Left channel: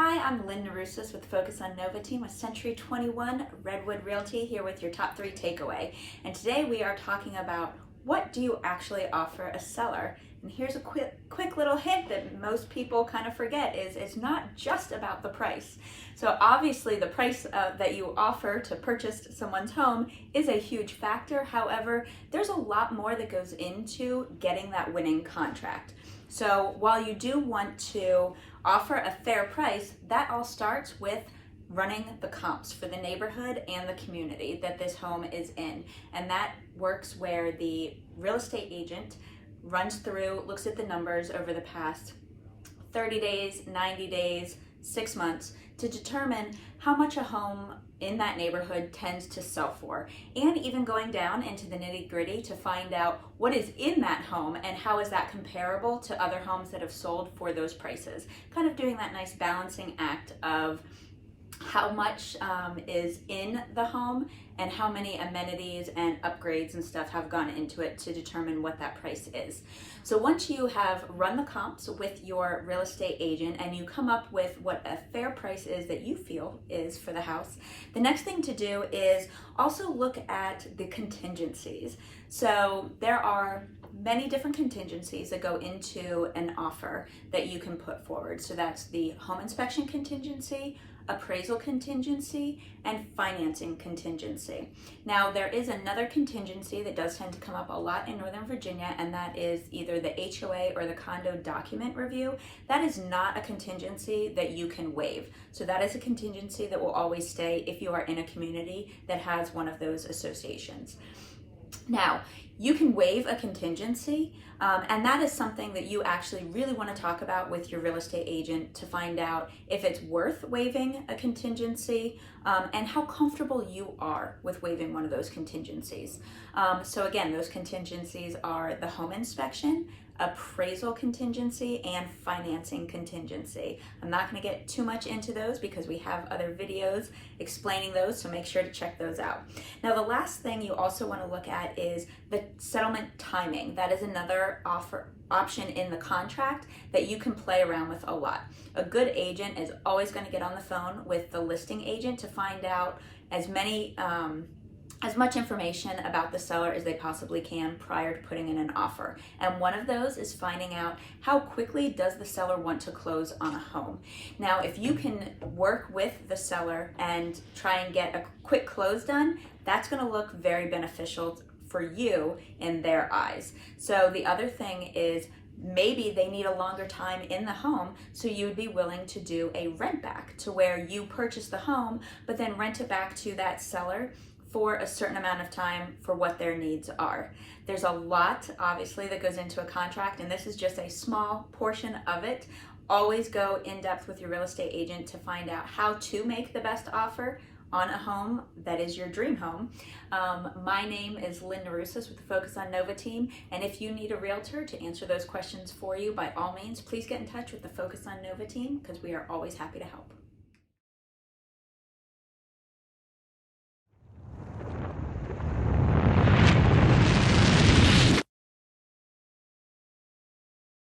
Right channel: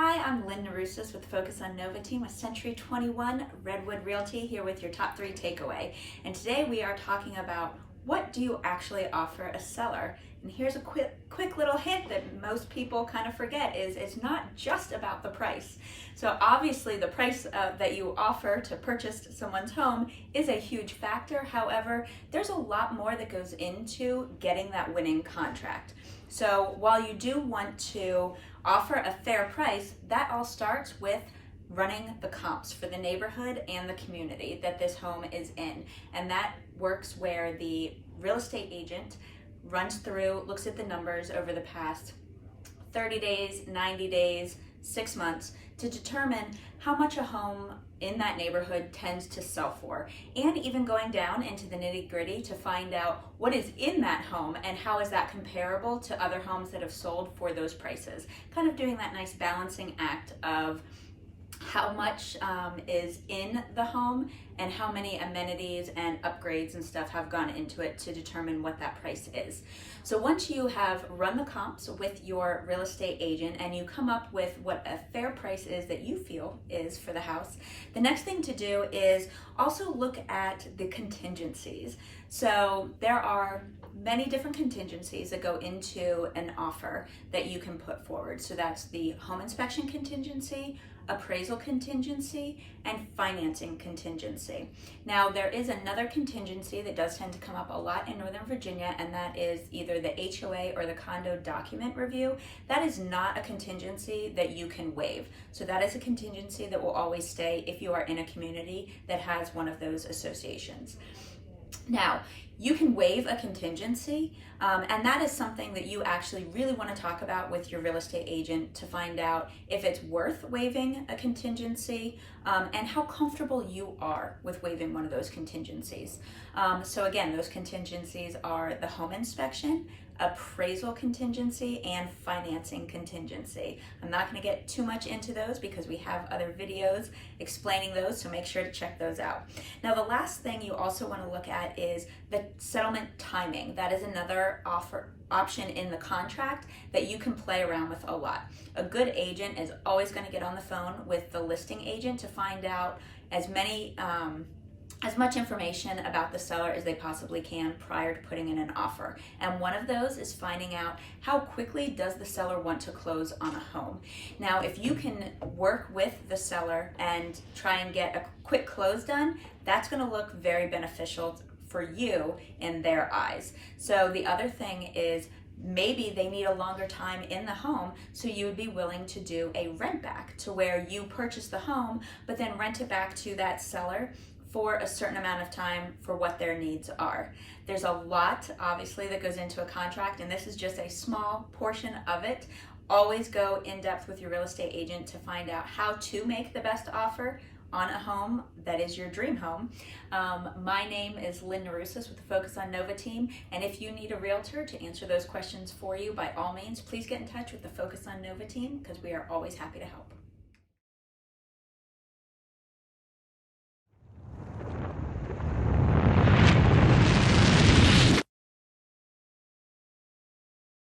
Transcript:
Hi, I'm Lynn Norusis with Focus on Nova team with Century 21 Redwood Realty here with your top 3 takeaway. And today we are talking about what do you actually offer a seller. And here's a quick little hint that most people kind of forget is it's not just about the price. So obviously the price that you offer to purchase someone's home is a huge factor. However, there's a lot more that goes into getting that winning contract. So while you do want to offer a fair price, that all starts with running the comps for the neighborhood and the community that this home is in. And that works where the real estate agent runs through, looks at the numbers over the past 30 days, 90 days, 6 months to determine how much a home in that neighborhood tends to sell for, and even going down into the nitty-gritty to find out what is in that home and how is that comparable to other homes that have sold for those prices. Kind of doing that nice balancing act of how much is in the home and how many amenities and upgrades and stuff have gone into it to determine what that price is. So once you have run the comps with your real estate agent and you come up with what a fair price is that you feel is for the house, the next thing to do is also look at the contingencies. So there are many different contingencies that go into an offer that you can put forward. So that's the home inspection contingency, appraisal contingency, and financing contingency. Now there is another contingency that does tend to come up a lot in Northern Virginia, and that is either the HOA or the condo document review. That is not a contingency that you can waive. So that is a contingency that will always stay if you are in a community that has one of those associations. Now, you can waive a contingency, and that is something that you actually really want to talk about with your real estate agent to find out if it's worth waiving a contingency and how comfortable you are with waiving one of those contingencies. So again, those contingencies are the home inspection, appraisal contingency, and financing contingency. I'm not going to get too much into those because we have other videos explaining those, so make sure to check those out. Now the last thing you also want to look at is the settlement timing. That is another option in the contract that you can play around with a lot. A good agent is always going to get on the phone with the listing agent to find out as much information about the seller as they possibly can prior to putting in an offer. And one of those is finding out how quickly does the seller want to close on a home. Now, if you can work with the seller and try and get a quick close done, that's going to look very beneficial for you in their eyes. So the other thing is maybe they need a longer time in the home, so you would be willing to do a rent back to where you purchase the home but then rent it back to that seller for a certain amount of time for what their needs are. There's a lot, obviously, that goes into a contract, and this is just a small portion of it. Always go in depth with your real estate agent to find out how to make the best offer on a home that is your dream home. My name is Lynn Norusis with the Focus on Nova team, and if you need a realtor to answer those questions for you, by all means, please get in touch with the Focus on Nova team because we are always happy to help.